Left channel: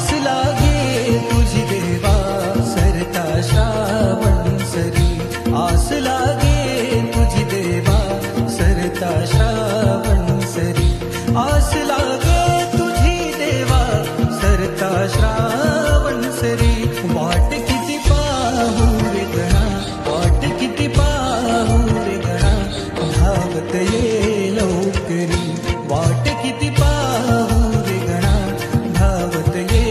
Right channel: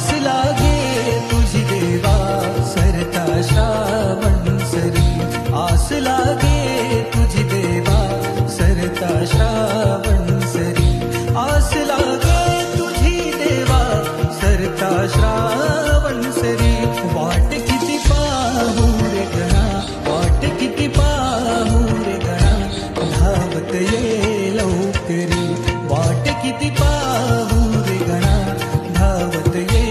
आस लागे तुझी देवा सरता श्रावण सरी, आस लागे तुझी देवा सरता श्रावण सरी, आस लागे तुझी देवा सरता श्रावण सरी. वाट किती पाहू रे गणा, वाट किती पाहू रे गणा, धावत ये लवकरी. वाट किती पाहू रे गणा, धावत ये